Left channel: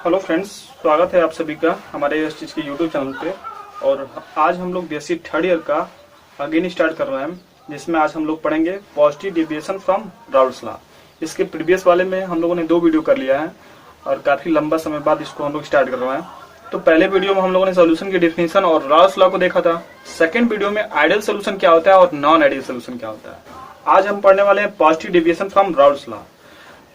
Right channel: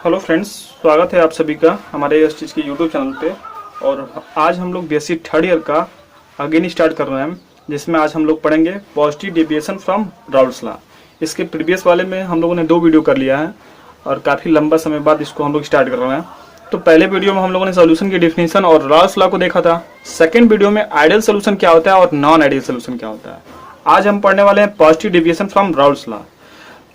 Hello friends, स्वागत है आप सभी का हमारे इस चीज़ के यूट्यूब चैनल पे। और आज हम लोग बीएससी थर्ड ईयर का अगेन स्टार्ट कर रहे हैं, जिसमें आज हम लोग पढ़ेंगे positive deviation from Raoult's law. इसके प्रीवियस वाले में हम लोगों ने 2 वीडियो कर लिया है और काफ़ी लंबा समय बाद इसको हम लोग स्टार्ट कर रहे हैं। तो पहले वीडियो में हम लोगों ने सोल्यूशन की डेफिनेशन और राउल्स लॉ को देखा था। सेकेंड वीडियो में आइडियल सोल्यूशन क्या होता है और नॉन आइडियल सोल्यूशन क्या होता है। आज हम पढ़ने वाले हैं positive deviation from Raoult's law.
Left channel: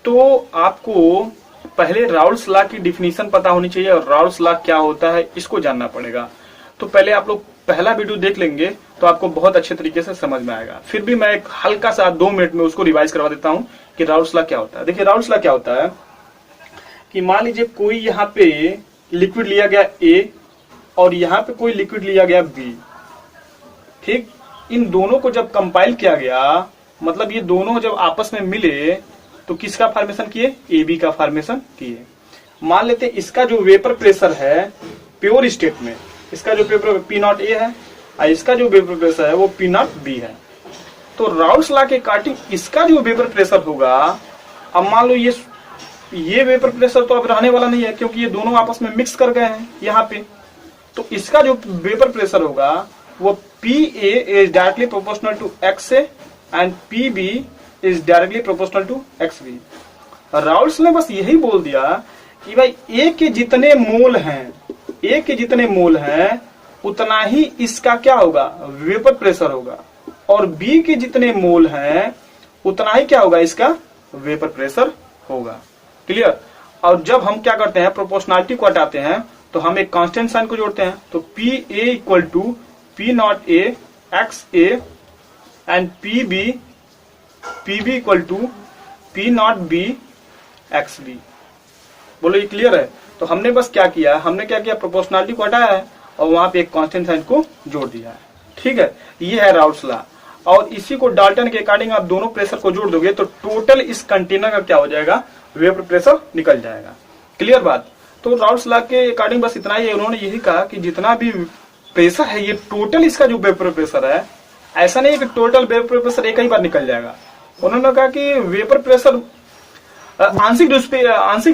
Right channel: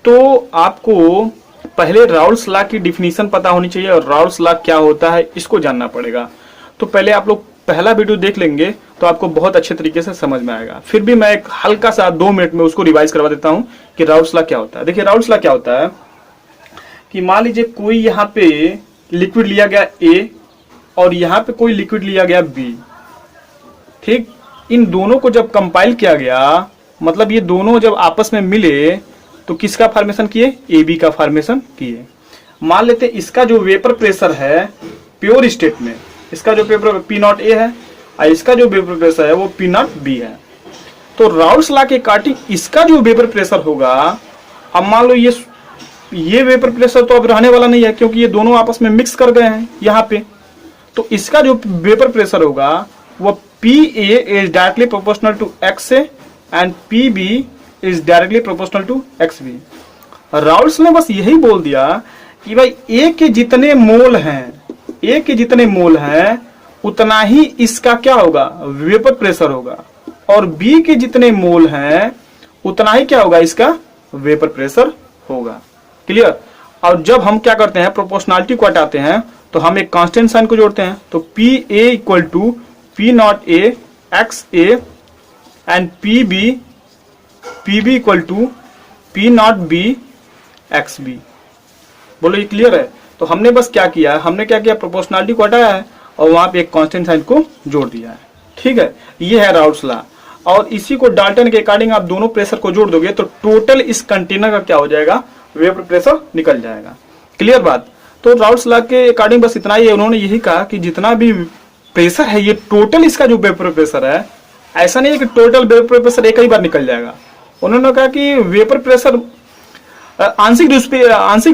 तो आपको पहले राउल्स लॉ की डिफिनीशन पता होनी चाहिए और राउल्स लॉ क्या होता है इसको जानना पड़ेगा। तो पहले आप लोग पहला वीडियो देख लेंगे तो आपको बहुत अच्छे तरीके से समझ में आएगा। फिर भी मैं एक हल्का सा 2 मिनट में उसको रिवाइज करवा देता हूं कि राउल्स लॉ क्या होता है। देखिए, राउल्स लॉ क्या होता है कि मान लीजिए कोई यहाँ पे लिक्विड लिया गया ए और यहाँ पे कोई लिक्विड लिया गया बी। ठीक, इन दोनों को जब कंपाइल किया गया, मतलब ये दोनों जब आपस में मिले तो किसका फॉर्मेशन किए? ए बी का फॉर्मेशन किए। मान लेते हैं इसका जो वेपर प्रेशर है प्योर स्टेट में, इसका जो पेपर पी नॉट ए है और इसका जो वेपर प्रेशर है वो पी नॉट बी है। तो राउल्स लॉ के अकॉर्डिंग इसका जो वेपर प्रेशर होगा, अब मान लो ये वेपर प्रेशर तो अब रहने वाला नहीं है क्योंकि ये दोनों आपस में मिक्स कर गए हैं यहाँ पे। तो इसका जो वेपर प्रेशर होगा वो P A is directly proportional to X A and P B is directly proportional to X B. Raoult's ने बस यही बोल दिया कि भाई ए के जितने मोल हैं उतना ही इसका क्या होगा? वेपर प्रेशर होगा। और बी के जितने मोल हैं उतना ही क्या होगा? इसका वेपर प्रेशर होगा। क्लियर? और जब हम क्या करते हैं, प्रोपोर्शनलिटी को हटाते हैं तो हम एक कांस्टेंट साइन को जोड़ते हैं। तो P A equal to P not A X A and P B equal to P not B X B. बोलो, ये क्लियर है? तो हमने बस क्या किया, प्रोपोर्शनलिटी को हटाया है और वहां पे एक कांस्टेंट साइन को जोड़ दिया है। ठीक है, ये है राउल्स लॉ। और इसी को डाल्टन के अकॉर्डिंग आप दोनों प्रेशर को जोड़ दोगे तो टोटल इस कंटेनर का क्या हो जाएगा? वेपर प्रेशर निकल जाएगा। क्लियर बात? तो राउल्स लॉ के अकॉर्डिंग बस इतना ही है। उन्होंने यही कहा कि जितना भी प्रेशर है ये टोटल इसका जो वेपर प्रेशर है, ऐसा नहीं है कि टोटल वेपर प्रेशर एक ही बार निकल जाएगा। उन्होंने कहा कि वेपर प्रेशर आंशिक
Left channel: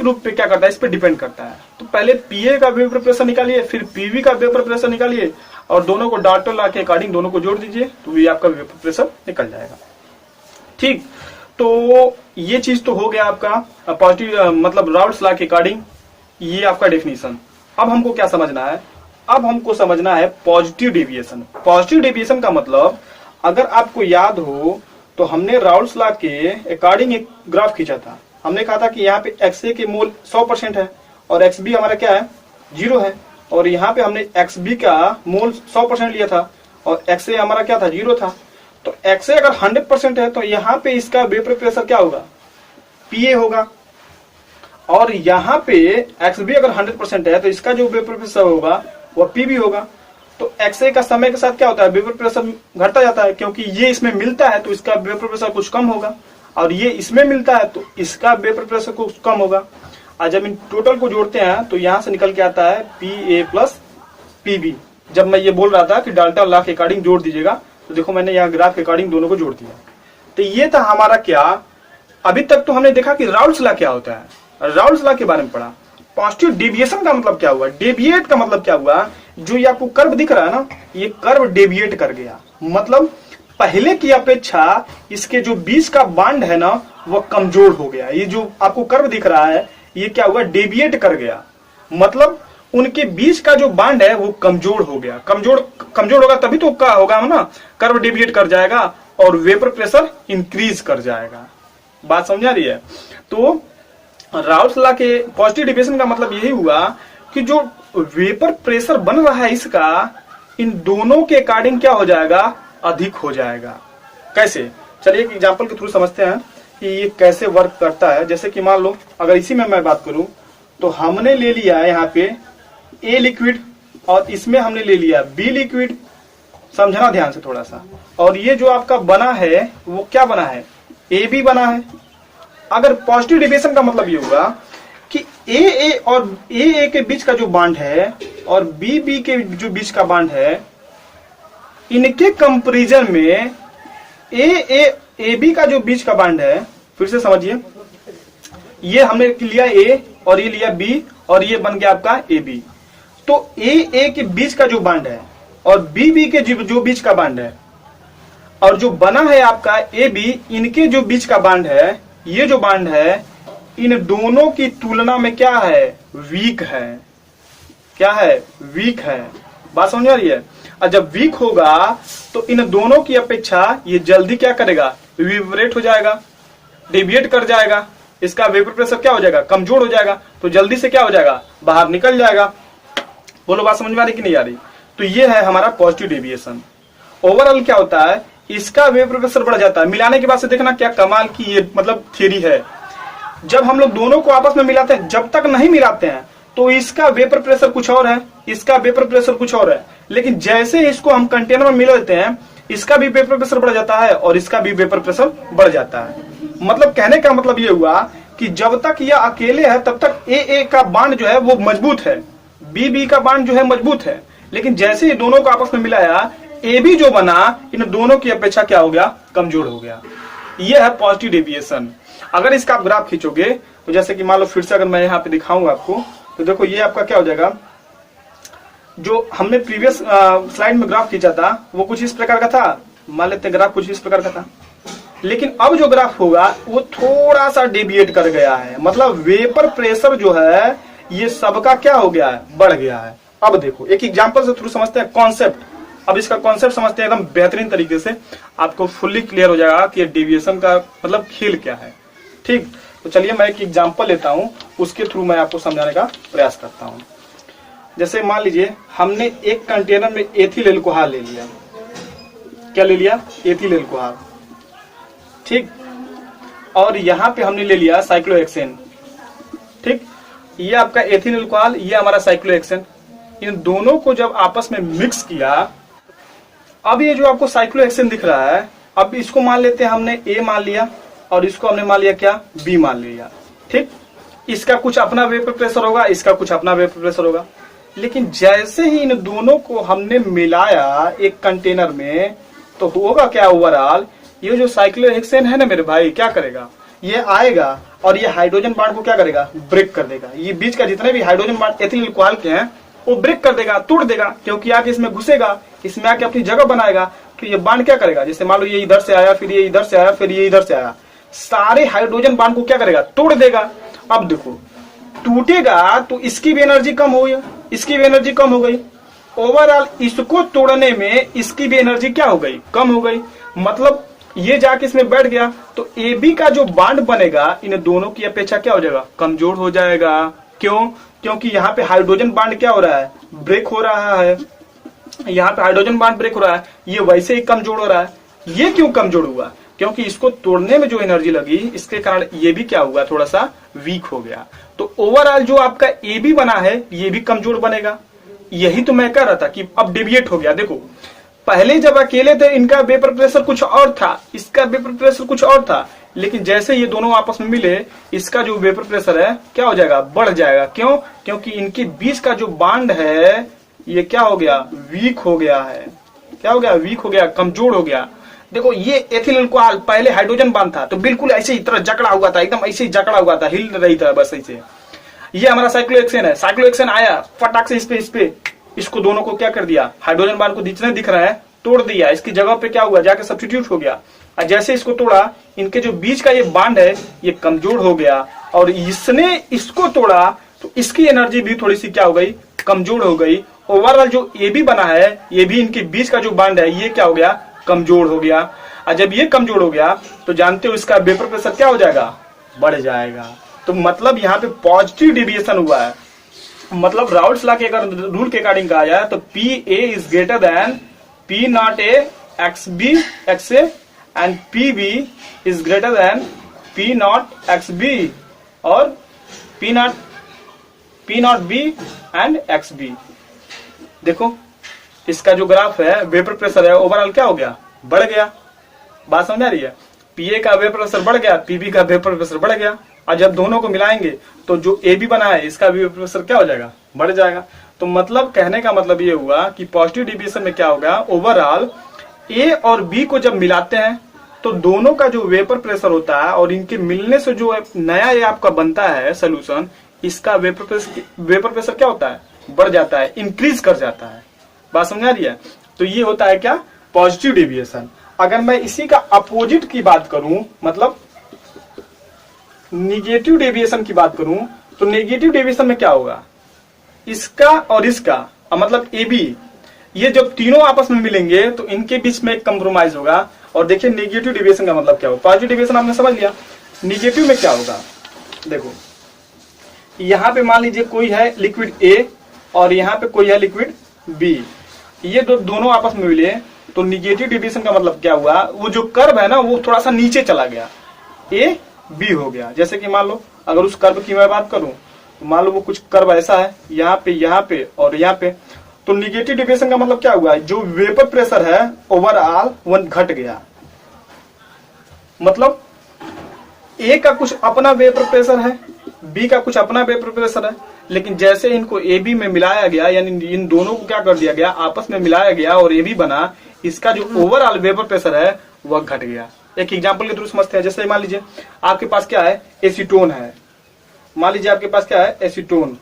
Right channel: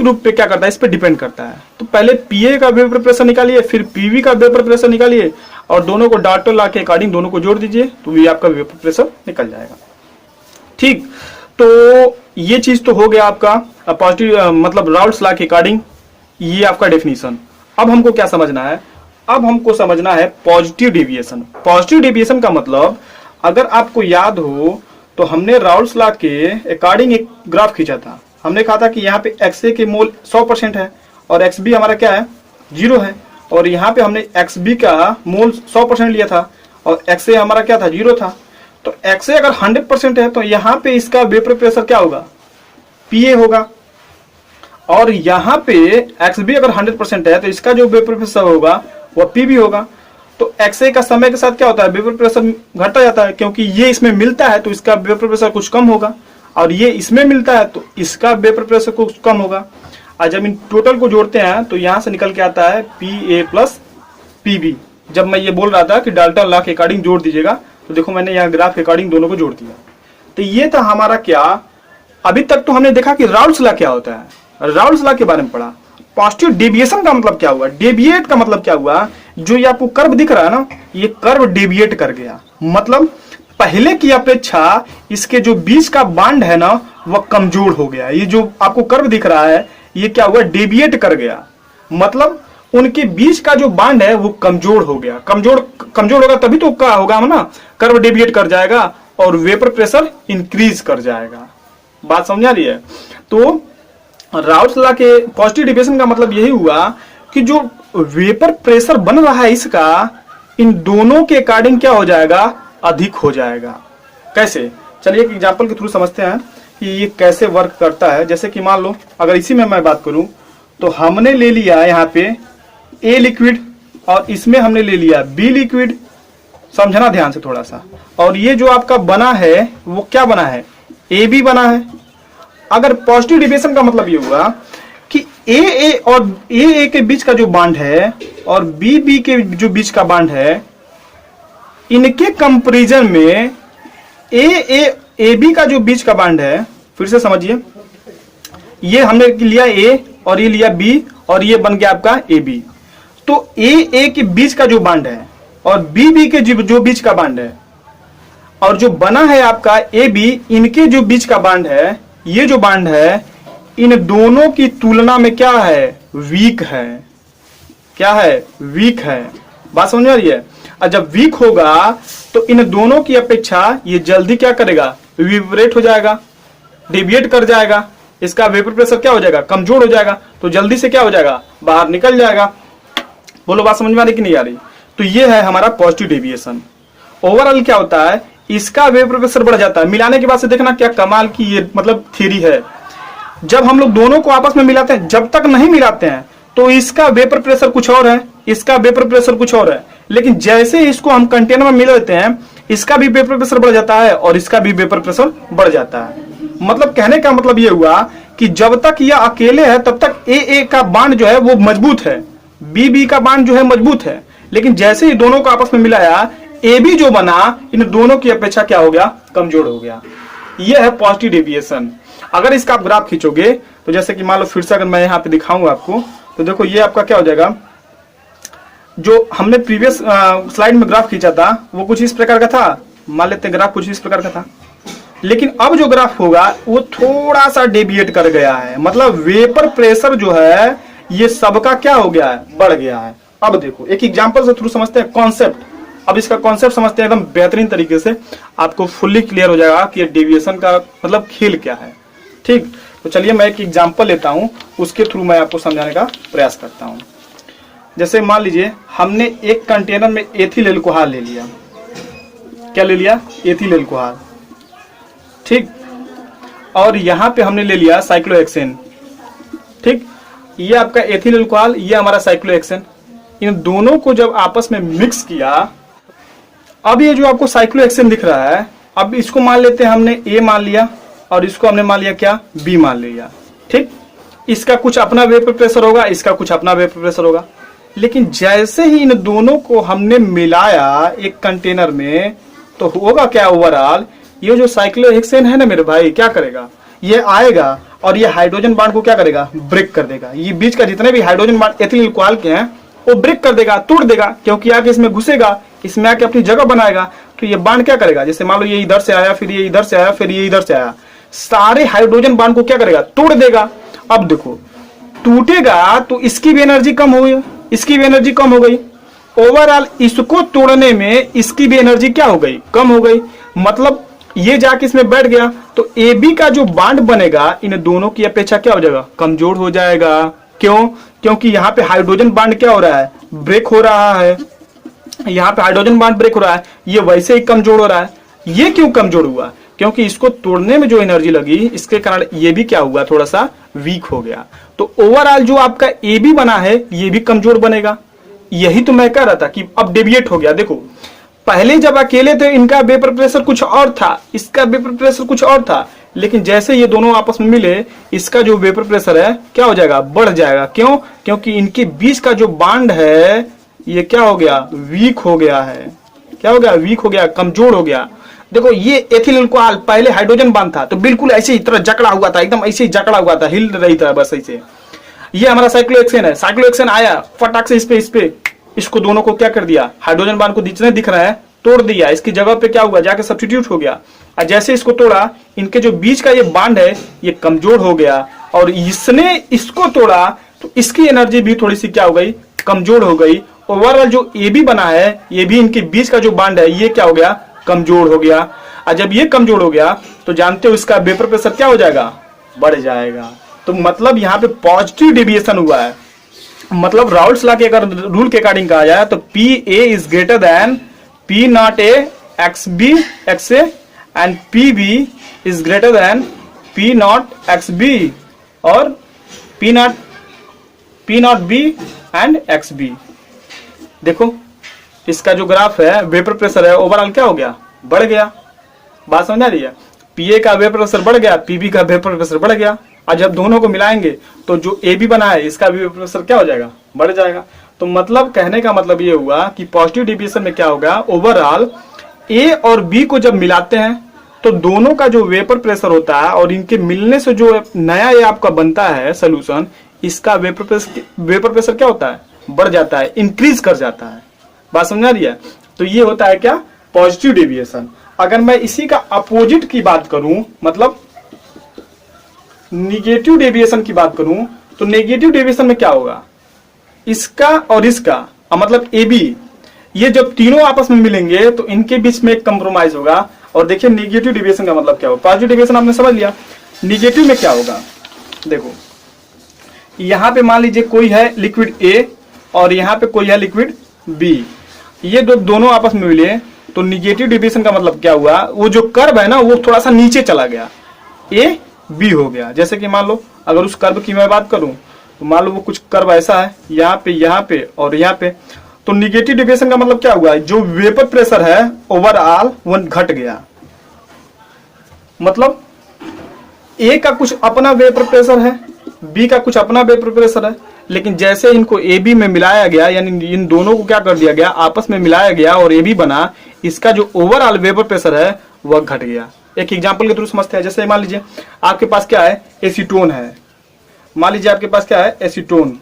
रूप पे क्या करता है, इस पे डिपेंड करता है। तो पहले पीए का वेपर प्रेशर निकालिए, फिर पीवी का वेपर प्रेशर निकालिए और दोनों को डाल्टन लॉ के अकॉर्डिंग दोनों को जोड़ दीजिए तो ये आपका वेपर प्रेशर निकल जाएगा। ठीक, तो ये चीज तो हो गया आपका पॉजिटिव, मतलब राउल्स लॉ के अकॉर्डिंग ये आपका डेफिनेशन। अब हमको क्या समझना है? अब हमको समझना है पॉजिटिव डेविएशन। पॉजिटिव डेविएशन का मतलब, अगर आपको याद हो तो हमने राउल्स लॉ के अकॉर्डिंग एक ग्राफ खींचा था। हमने कहा था कि यहाँ पे XA के मोल 100% है और XB हमारा क्या है? 0 है। और यहाँ पे हमने XB का मोल 100% लिया था और XA हमारा क्या था? 0 था। तो XA अगर 100% है तो यहाँ पे इसका वेपर प्रेशर क्या होगा? PA होगा। और यहाँ पे XB अगर 100% है तो इसका जो वेपर प्रेशर होगा वह PB होगा। तो XA का समय के साथ क्या होता है? वेपर प्रेशर घटता जाता है क्योंकि ये इसमें मिलता है तो इसका वेपर प्रेशर कुछ कम होगा और ये इसमें मिलता है तो इसका वेपर प्रेशर कुछ कम होगा। और जब इन टोटल को जोड़ते हैं तो यहां से निकल के आता है PA प्लस PB। जब मैं ये बोल रहा था कि डाल्टन लॉ के अकॉर्डिंग जोड़ दीजिएगा तो देखो मैंने यहाँ ग्राफ के अकॉर्डिंग दोनों को जोड़ दिया। तो ये था हमारा क्या, अभी तक तो हमने देखा कि राउल्स लॉ क्या होता है, राउल्स लॉ के बारे में पढ़ा। पॉजिटिव डेविएशन का मतलब क्या हुआ? डेविएट का मतलब क्या हुआ? जो ये आपको कर्व दिख रहा है ना, ये कर्व डेविएट कर गया। मतलब पहले की अपेक्षा इसके जो बीच का बांड है ना वह कमजोर हो गया। ये जो आपको कर्व दिख रहा है ये क्या हुआ? डेविएट कर गया। मतलब उनके बीच का जो बांड है वो कमजोर हो गया। कमजोर होगा तभी तो क्या होगा ना, कर्व डेविएट कर जाएगा और वेपर प्रेशर इंक्रीज कर जाएगा। बात समझा रही है? तो राउल्स लॉ के पॉजिटिव डेविएशन का मतलब यही हुआ कि जो वेपर प्रेशर बन रहा है इसका, इन दोनों के अकॉर्डिंग क्या हो जाएगा? अधिक हो जाएगा। कैसे? चलिए एक एग्जांपल के थ्रू समझते हैं कि ये कैसे वर्क करता है। जैसे कि मान लो अगर इसी में मैं बात करूं तो हमने ले लिया यहाँ पे ए लिक्विड और इसमें हमने ले लिया बी लिक्विड। समझना ध्यान से थोड़ा सा। और ये जो आपका बना है वो क्या बना है? ए बी बना है। अगर पॉजिटिव डेविएशन का मतलब ये हुआ कि ए और ए के बीच का जो बांड है और बी के जो बीच का बांड है, इनके कंपैरिजन में ए बी का जो बीच का बांड है, फिर से समझिए, ये हमने लिया ए और ये लिया बी और ये बन गया आपका ए बी। तो ए के बीच का जो बॉन्ड है और बी के जो बीच का बॉन्ड है और जो बना है आपका ए बी, इनके जो बीच का बॉन्ड है, ये जो बॉन्ड है इन दोनों की तुलना में क्या है, वीक है। क्या है, वीक है। बात समझ में आ रही है। और जब वीक होगा तो इन दोनों की अपेक्षा ये जल्दी क्या करेगा, विब्रेट हो जाएगा, डेविएट कर जाएगा, इसका वेपर प्रेशर क्या हो जाएगा, कमजोर हो जाएगा, तो जल्दी से क्या हो जाएगा, बाहर निकल जाएगा। बोलो बात समझ में आ रही कि नहीं आ रही। तो ये है हमारा पॉजिटिव डेविएशन। ओवरऑल क्या होता है, इसका वेपर प्रेशर बढ़ जाता है। मिलाने के बाद से देखना क्या कमाल की ये मतलब थ्योरी है। जब हम लोग दोनों को आपस में मिलाते हैं, जब तक नहीं मिलाते हैं तो इसका वेपर प्रेशर कुछ और है, इसका वेपर प्रेशर कुछ और है, लेकिन जैसे इसको हम कंटेनर में मिला देते हैं, इसका भी वेपर प्रेशर बढ़ जाता है और इसका भी वेपर प्रेशर बढ़ जाता है। मतलब कहने का मतलब ये हुआ कि जब तक यह अकेले है तब तक ए का बांड जो है वो मजबूत है, बी का बांड जो है मजबूत है, लेकिन जैसे ही दोनों को आपस में मिलाया, ए बी जो बना इन दोनों की अपेक्षा क्या हो गया, कमजोर हो गया। यह है पॉजिटिव डेविएशन। अगर इसका आप ग्राफ खींचोगे तो जैसे कि मान लो फिर से अगर मैं यहाँ पे दिखाऊंगा आपको, तो देखो ये आपका क्या हो जाएगा, जो हमने प्रीवियस स्लाइड में ग्राफ खींचा था वो कुछ इस प्रकार का था, मान लेते हैं ग्राफ कुछ इस प्रकार का था, लेकिन अब जो ग्राफ होगा वो थोड़ा सा डेविएट कर गया है। मतलब वेपर प्रेशर जो है ये सबका क्या हो गया है, बढ़ गया है। अब देखो एक एग्जांपल से थ्रू समझते हैं कॉन्सेप्ट। अब इसका कॉन्सेप्ट समझते हैं एकदम बेहतरीन तरीके से, आपको फुल्ली क्लियर हो जाएगा कि डेविएशन का मतलब खेल क्या है। ठीक, तो चलिए मैं एक एग्जांपल लेता हूं, उसके थ्रू मैं आपको समझाने का प्रयास करता हूं। जैसे मान लीजिए हमने एक कंटेनर में एथिल एल्कोहल ले लिया। क्या ले लिया, एथिल एल्कोहल। ठीक, और यहां पे हमने ले लिया साइक्लोहेक्सेन। ठीक, ये आपका एथिल एल्कोहल, ये हमारा साइक्लोहेक्सेन। इन दोनों को जब आपस में मिक्स किया, अब ये जो आपको साइक्लोहेक्सेन दिख रहा है, अब इसको मान लेते हैं हमने ए मान लिया और इसको हमने मान लिया क्या, बी मान लिया। ठीक, इसका कुछ अपना वेपर प्रेशर होगा, इसका कुछ अपना वेपर प्रेशर होगा, लेकिन जैसे ही इन दोनों को हमने मिलाया एक कंटेनर में, तो होगा क्या, ओवरऑल ये जो साइक्लोहेक्सेन है ना मेरे भाई, क्या करेगा, ये आएगा और ये हाइड्रोजन बॉन्ड को क्या करेगा, ब्रेक कर देगा। ये बीच का जितने भी हाइड्रोजन बॉन्ड एथिल एल्कोहल के हैं वो ब्रेक कर देगा, तोड़ देगा, क्योंकि आके इसमें घुसेगा, इसमें आके अपनी जगह बनाएगा। तो ये बॉन्ड क्या करेगा, जैसे मान लो ये इधर से आया, फिर ये इधर से आया, फिर ये इधर से आया, सारे हाइड्रोजन बॉन्ड को क्या करेगा, तोड़ देगा। अब देखो टूटेगा तो इसकी भी एनर्जी कम हो गई, इसकी भी एनर्जी कम हो गई, ओवरऑल इसको तोड़ने में इसकी भी एनर्जी क्या हो गई, कम हो गई। मतलब ये जाके इसमें बैठ गया तो ए बी का जो बॉन्ड बनेगा इन दोनों की अपेक्षा क्या हो जाएगा, कमजोर हो जाएगा। क्यों, क्योंकि यहाँ पे हाइड्रोजन बॉन्ड क्या हो रहा है, ब्रेक हो रहा है। यहाँ पे हाइड्रोजन बॉन्ड ब्रेक हो रहा है, ये वैसे ही कमजोर हो रहा है। ये क्यों कमजोर हुआ, क्योंकि इसको तोड़ने में जो एनर्जी लगी इसके कारण ये भी क्या हुआ, थोड़ा सा वीक हो गया। तो ओवरऑल जो आपका ए बी बना है ये भी कमजोर बनेगा। यही तो मैं कह रहा था कि अब डेविएट हो गया। देखो पहले जब अकेले थे इनका वेपर प्रेशर कुछ और था, इसका वेपर प्रेशर कुछ और था, लेकिन जैसे ये दोनों आपस में मिले इसका जो वेपर प्रेशर है क्या हो जाएगा, बढ़ जाएगा। क्यों, क्योंकि इनके बीच का जो बॉन्ड है ये क्या हो गया, वीक हो गया है। क्या हो गया, वीक हो गया, कमजोर हो गया। देखो ये एथिल एल्कोहल पहले हाइड्रोजन बॉन्ड था तो बिल्कुल ऐसे ही तरह जकड़ा हुआ था, एकदम ऐसे ही जकड़ा हुआ था, हिल रही था बस ऐसे। ये हमारा साइक्लोहेक्सेन है, साइक्लोहेक्सेन आया फटाक से इस पे इसको दोनों को क्या कर दिया, हाइड्रोजन बॉन्ड को जितने दिख रहा है तोड़ दिया। इसकी जगह पे क्या हुआ, जाके सब्स्टिट्यूट हो गया। और जैसे इसको तोड़ा इनके जो बीच का ये बॉन्ड है ये कमजोर हो गया, और इसने इसको तोड़ा तो इसकी एनर्जी भी थोड़ी सी क्या हो गई, कमजोर हो गई। ओवरऑल जो ए बी बना है, ये भी इनके बीच का जो बॉन्ड है ये क्या हो गया, कमजोर हो गया। और जब ये कमजोर हो गया तो जानते हो इसका वेपर प्रेशर क्या हो जाएगा, बढ़ जाएगा। तो मतलब यहाँ पे पॉजिटिव डेविएशन हुआ है। मतलब राउल्ट्स लॉ के अगर रूल के अकॉर्डिंग कहा जाए तो P A is greater than P not A X B X A and P B is greater than P not X B और P not B and X B. देखो इसका जो ग्राफ है vapour pressure है overall क्या हो गया, बढ़ गया। बात समझ आ रही है, पीए का वेपर प्रेशर बढ़ गया, पीबी का वेपर प्रेशर बढ़ गया। और जब दोनों को मिलाएंगे तो जो ए बी बना है इसका भी वेपर प्रेशर क्या हो जाएगा, बढ़ जाएगा। तो मतलब कहने का मतलब ये हुआ कि पॉजिटिव डेविएशन में क्या होगा, ओवरऑल ए और बी को जब मिलाते हैं तो दोनों का जो वेपर प्रेशर होता है और इनके मिलने से जो नया ये आपका बनता है सोल्यूशन, इसका वेपर प्रेशर क्या होता है, बढ़ जाता है, इंक्रीज कर जाता है। बात समझ आ रही है? तो ये होता है क्या, पॉजिटिव डेविएशन। अगर मैं इसी का अपोजिट की बात करूं, मतलब निगेटिव डेविएशन की बात करूं, तो नेगेटिव डेविएशन में क्या होगा, इसका और इसका मतलब ए बी, ये जब तीनों आपस में मिलेंगे तो इनके बीच में एक कंप्रोमाइज होगा। और देखिए नेगेटिव डेविएशन का मतलब क्या होगा, पॉजिटिव डेविएशन आपने समझ लिया, निगेटिव में क्या होगा। देखो यहां पे मान लीजिए कोई है लिक्विड ए और यहाँ पे कोई है लिक्विड बी, ये दोनों आपस में मिले तो निगेटिव डेविएशन का मतलब क्या हुआ, वो जो कर्व है ना वो थोड़ा सा नीचे चला गया, ए बी हो गया। जैसे कि मान लो अगर उस कर्व की मैं बात करूं तो मान लो वो कुछ कर्व ऐसा है, यहाँ पे और यहाँ पे, तो निगेटिव डेविएशन का मतलब क्या हुआ, जो वेपर प्रेशर है ओवरऑल वो घट गया। मतलब ए का कुछ अपना वेपर प्रेशर है, बी का कुछ अपना वेपर प्रेशर है, लेकिन जैसे इनको ए बी में मिलाया गया, यानी इन दोनों को क्या कर दिया गया, आपस में मिलाया गया और ए बी बना, इसका जो ओवरऑल वेपर प्रेशर है वह घट गया। एक एग्जांपल के थ्रू समझते हैं। जैसे मान लीजिए आपके पास क्या है, एसीटोन है, मान लीजिए आपके पास क्या है, एसीटोन,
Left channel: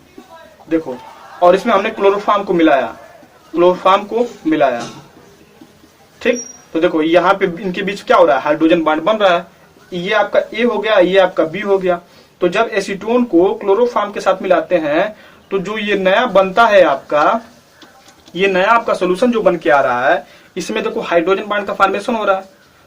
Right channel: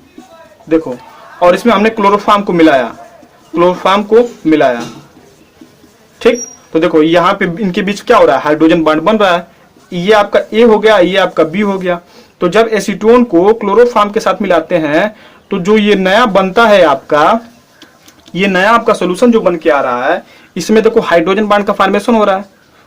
देखो, और इसमें हमने क्लोरोफॉर्म को मिलाया, ठीक। तो देखो यहाँ पे इनके बीच क्या हो रहा है, हाइड्रोजन बॉन्ड बन रहा है, ये आपका ए हो गया, ये आपका बी हो गया। तो जब एसीटोन को क्लोरोफॉर्म के साथ मिलाते हैं तो जो ये नया बनता है आपका, ये नया आपका सोल्यूशन जो बन के आ रहा है, इसमें देखो हाइड्रोजन बॉन्ड का फॉर्मेशन हो रहा है।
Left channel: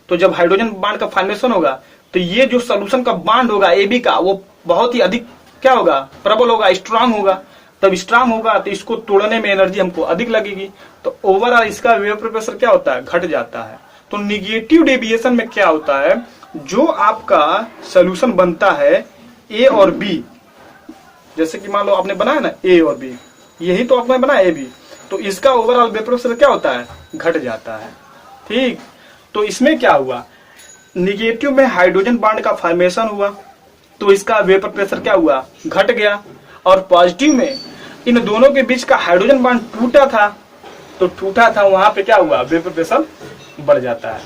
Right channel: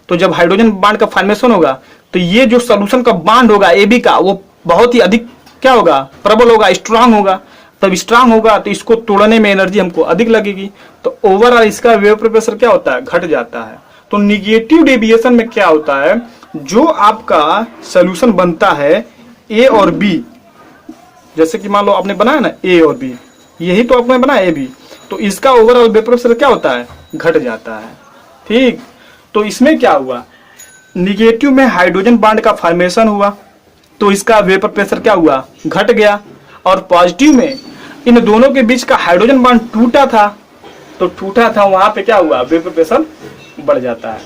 तो जब हाइड्रोजन बॉन्ड का फॉर्मेशन होगा तो ये जो सोल्यूशन का बॉन्ड होगा ए बी का, वो बहुत ही अधिक क्या होगा, प्रबल होगा, स्ट्रांग होगा। तब स्ट्रांग होगा तो इसको तोड़ने में एनर्जी हमको अधिक लगेगी, तो ओवरऑल इसका वेपर प्रेशर क्या होता है, घट जाता है। तो निगेटिव डेविएशन में क्या होता है, जो आपका सोल्यूशन बनता है ए और बी, जैसे कि मान लो आपने बनाया ना ए और बी, यही तो आपने बनाया ए बी, तो इसका ओवरऑल वेपर प्रेशर क्या होता है, घट जाता है, ठीक। तो इसमें क्या हुआ, निगेटिव में हाइड्रोजन बॉन्ड का फॉर्मेशन हुआ तो इसका वेपर प्रेशर क्या हुआ, घट गया। और पॉजिटिव में इन दोनों के बीच का हाइड्रोजन बॉन्ड टूटा था, वहां पे क्या हुआ, वेपर प्रेशर बढ़ जाता है।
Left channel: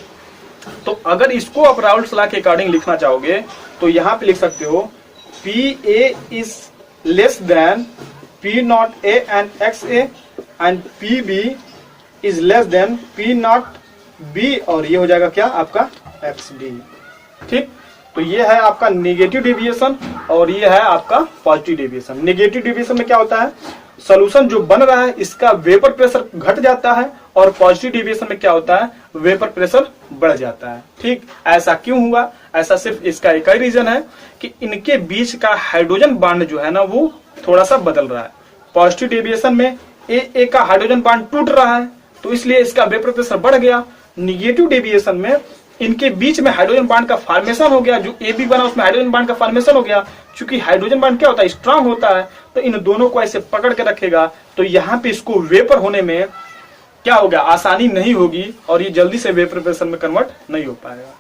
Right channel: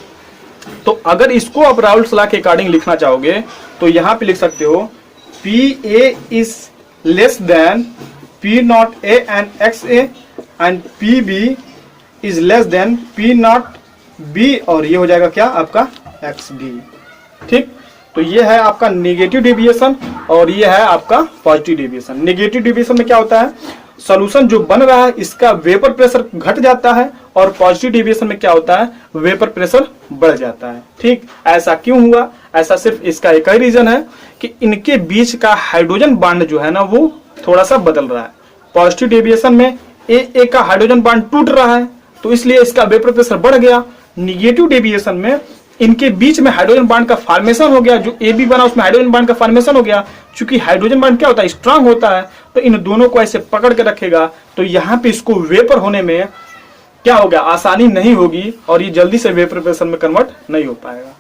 तो अगर इसको आप राउल्स लॉ के अकॉर्डिंग लिखना चाहोगे तो यहाँ पे लिख सकते हो PA is less than P0A and XA and PB is less than P0B, और ये हो जाएगा क्या आपका XD, ठीक। तो ये है आपका नेगेटिव डेविएशन और ये है आपका पॉजिटिव डेविएशन। नेगेटिव डेविएशन में क्या होता है, सॉल्यूशन जो बन रहा है इसका वेपर प्रेशर घट जाता है, और पॉजिटिव डेविएशन में क्या होता है, वेपर प्रेशर बढ़ जाता है, ठीक। ऐसा क्यों हुआ, ऐसा सिर्फ इसका एक ही रीजन है कि इनके बीच का हाइड्रोजन बॉन्ड जो है ना वो थोड़ा सा बदल रहा है। पॉजिटिव डेविएशन में ए का हाइड्रोजन बॉन्ड टूट रहा है तो इसलिए इसका वेपर प्रेशर बढ़ गया। निगेटिव डेविएशन में इनके बीच में हाइड्रोजन बॉन्ड का फॉर्मेशन हो गया, जो ए बी बना उसमें हाइड्रोजन बॉन्ड का फॉर्मेशन हो गया। चूंकि हाइड्रोजन बॉन्ड क्या होता है, स्ट्रांग होता है, तो इन दोनों को ऐसे पकड़ के रखेगा, तो यहाँ पे इसको वेपर होने में क्या होगा, आसानी नहीं होगी और ये जल्दी से वेपर प्रेशर में कन्वर्ट नहीं हो पाएगा।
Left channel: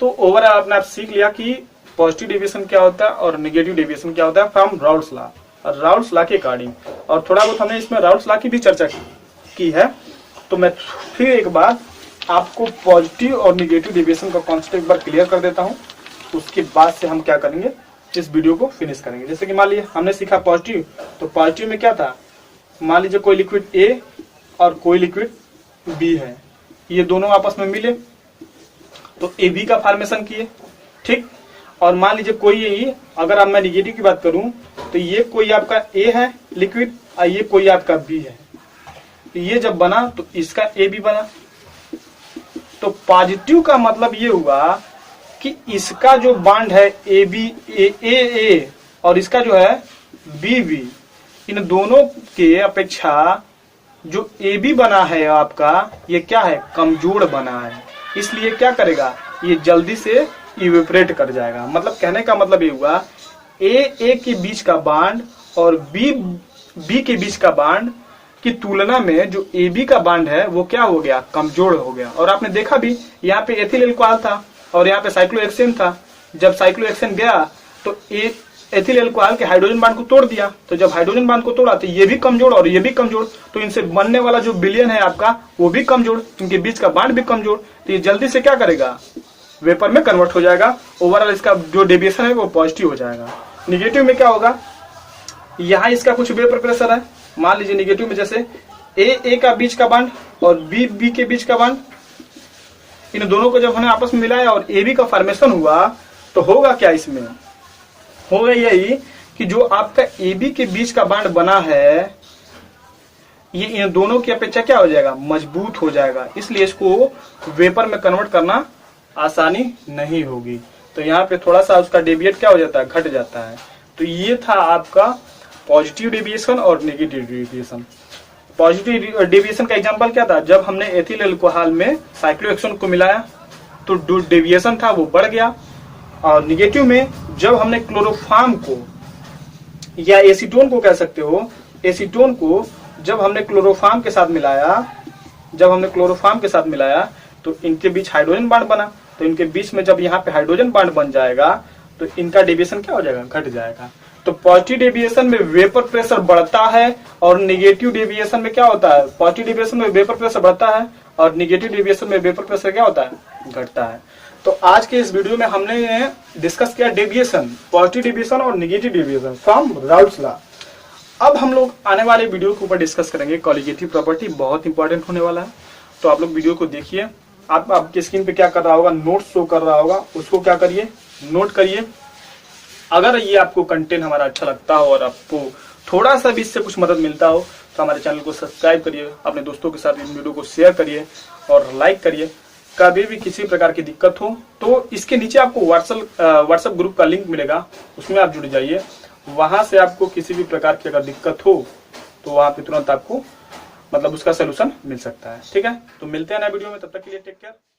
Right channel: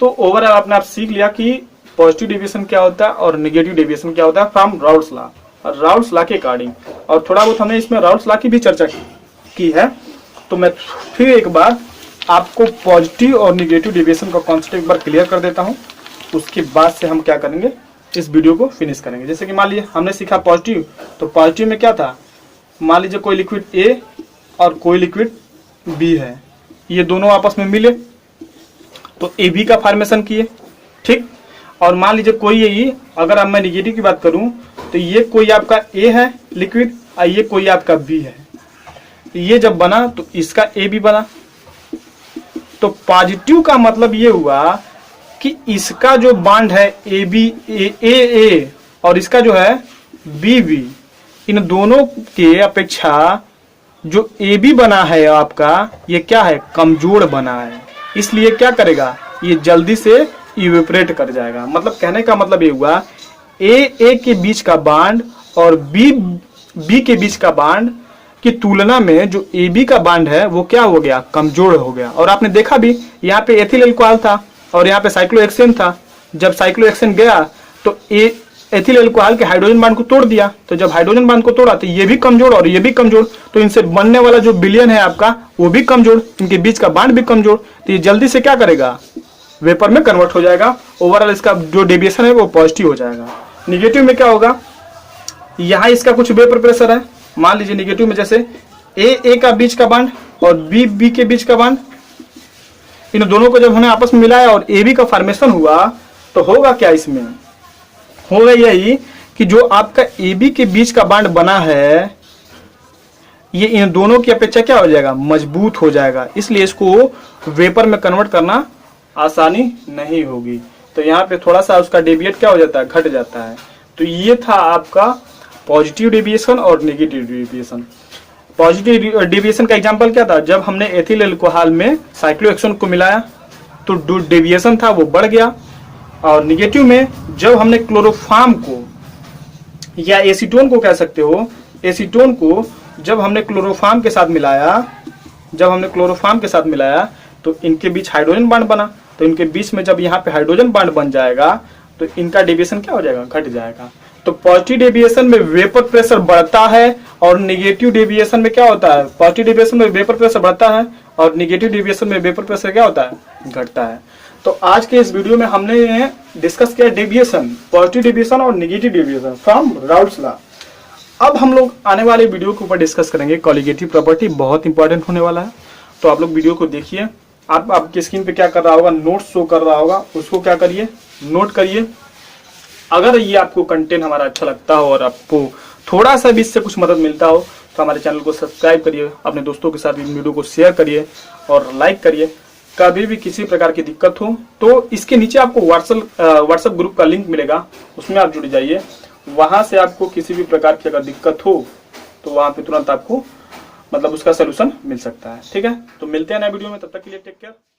तो ओवरऑल आपने आप सीख लिया कि पॉजिटिव डेविएशन क्या होता है और नेगेटिव डेविएशन क्या होता है फ्रॉम राउल्स लॉ, और राउल्स लॉ के अकॉर्डिंग। और थोड़ा बहुत हमने इसमें राउल्स लॉ की भी चर्चा की है। तो मैं फिर एक बार आपको पॉजिटिव और नेगेटिव डेविएशन का कॉन्सेप्ट एक बार क्लियर कर देता हूं, उसके बाद से हम क्या करेंगे, इस वीडियो को फिनिश करेंगे। जैसे कि मान लीजिए हमने सीखा पॉजिटिव, तो पॉजिटिव में क्या था, मान लीजिए कोई लिक्विड ए और कोई लिक्विड बी है, ये दोनों आपस में मिले तो ए बी का फॉर्मेशन किए, ठीक। और मान लीजिए कोई यही, अगर अब मैं निगेटिव की बात करूं तो ये कोई आपका ए है लिक्विड और ये कोई आपका बी है, तो ये जब बना तो इसका ए बी बना। तो पॉजिटिव का मतलब ये हुआ कि इसका जो बॉन्ड है ए बी ए और इसका जो है बी बी, इन दोनों के अपेक्षा जो ए बी बना है आपका, ये क्या है, कमजोर बना है, इसलिए क्या करेगा, ये जल्दी से इवेपोरेट कर जाएगा। मतलब कहने का मतलब ये हुआ ए के बीच का बॉन्ड और बी के बीच का बॉन्ड की तुलना में जो ए बी का बॉन्ड है वो क्या हो गया, कमजोर हो गया। और आपने देखा भी यहाँ पे एथिल अल्कोहल था और यहाँ पे साइक्लोहेक्सेन था, जब साइक्लोहेक्सेन गया तो एथिल अल्कोहल के हाइड्रोजन बॉन्ड को तोड़ दिया, तो जब हाइड्रोजन बॉन्ड को तोड़ा तो ये भी कमजोर और ये भी कमजोर, तो इनसे बनने वाला जो विलयन है आपका वो भी कमजोर, इनके बीच का बॉन्ड भी कमजोर, तो ये जल्दी से क्या करेगा, वेपर में कन्वर्ट हो जाएगा। ओवरऑल इसका जो डेविएशन है वो पॉजिटिव हो जाएगा। निगेटिव में क्या होगा, यहाँ इसका कुछ वेपर प्रेशर है, मान लीजिए निगेटिव में जैसे ए का बीच का बॉन्ड और बी के बीच का बॉन्ड, इन दोनों को जब हमने आपस में मिलाया और ए बी का फॉर्मेशन हुआ तो होगा क्या, इसमें होगा यही कि जो आपका ए बी के बीच का बॉन्ड बना है ये इन दोनों की अपेक्षा क्या हो जाएगा, मजबूत हो जाएगा, इसलिए इसको वेपर में कन्वर्ट करना आसानी नहीं होगी। तो यहाँ पे थोड़ा सा उसका डेविएट क्या हो जाता है, घट जाता है। तो ये था आपका पॉजिटिव डेविएशन और नेगेटिव डेविएशन। पॉजिटिव डेविएशन का एग्जांपल क्या था, जब हमने एथिल अल्कोहल में साइक्लोहेक्सेन को मिलाया तो डेविएशन था वो बढ़ गया। और नेगेटिव में जब हमने क्लोरोफॉर्म को या एसीटोन को कह सकते हो, एसीटोन को जब हमने क्लोरोफॉर्म के साथ मिलाया तो इनके बीच हाइड्रोजन बॉन्ड बना, तो इनके बीच में जब यहाँ पे हाइड्रोजन बॉन्ड बन जाएगा तो इनका डेविएशन क्या हो जाएगा, घट जाएगा। तो पॉजिटिव डेविएशन में वेपर प्रेशर बढ़ता है और नेगेटिव डेविएशन में क्या होता है, पॉजिटिव डेविएशन में वेपर प्रेशर बढ़ता है और नेगेटिव डेविएशन में वेपर प्रेशर क्या होता है, घटता है। तो आज के इस वीडियो में हमने डिस्कस किया डेविएशन, पॉजिटिव डेविएशन और negative deviation from Raoult's law. अब हम लोग आने वाले वीडियो के ऊपर डिस्कस करेंगे कॉलिगेटिव प्रॉपर्टी, बहुत इंपॉर्टेंट होने वाला है। तो आप लोग वीडियो को देखिए। आप आपके स्क्रीन पे क्या कर रहा होगा, नोट शो कर रहा होगा, उसको क्या करिए, नोट करिए। अगर ये आपको कंटेंट हमारा अच्छा लगता हो और आपको थोड़ा सा भी इससे कुछ मदद मिलता हो तो हमारे चैनल को सब्सक्राइब करिए, अपने दोस्तों के साथ वीडियो को शेयर करिए और लाइक करिए। कभी भी किसी प्रकार की दिक्कत हो तो इसके नीचे आपको व्हाट्सएप ग्रुप का लिंक मिलेगा, उसमें आप जुड़ जाइए। वहां से आपको किसी भी प्रकार की अगर दिक्कत हो तो वहां पे तुरंत आपको मतलब उसका सोल्यूशन मिल सकता है। ठीक है, तो मिलते हैं नए वीडियो में, तब तक के लिए टेक केयर।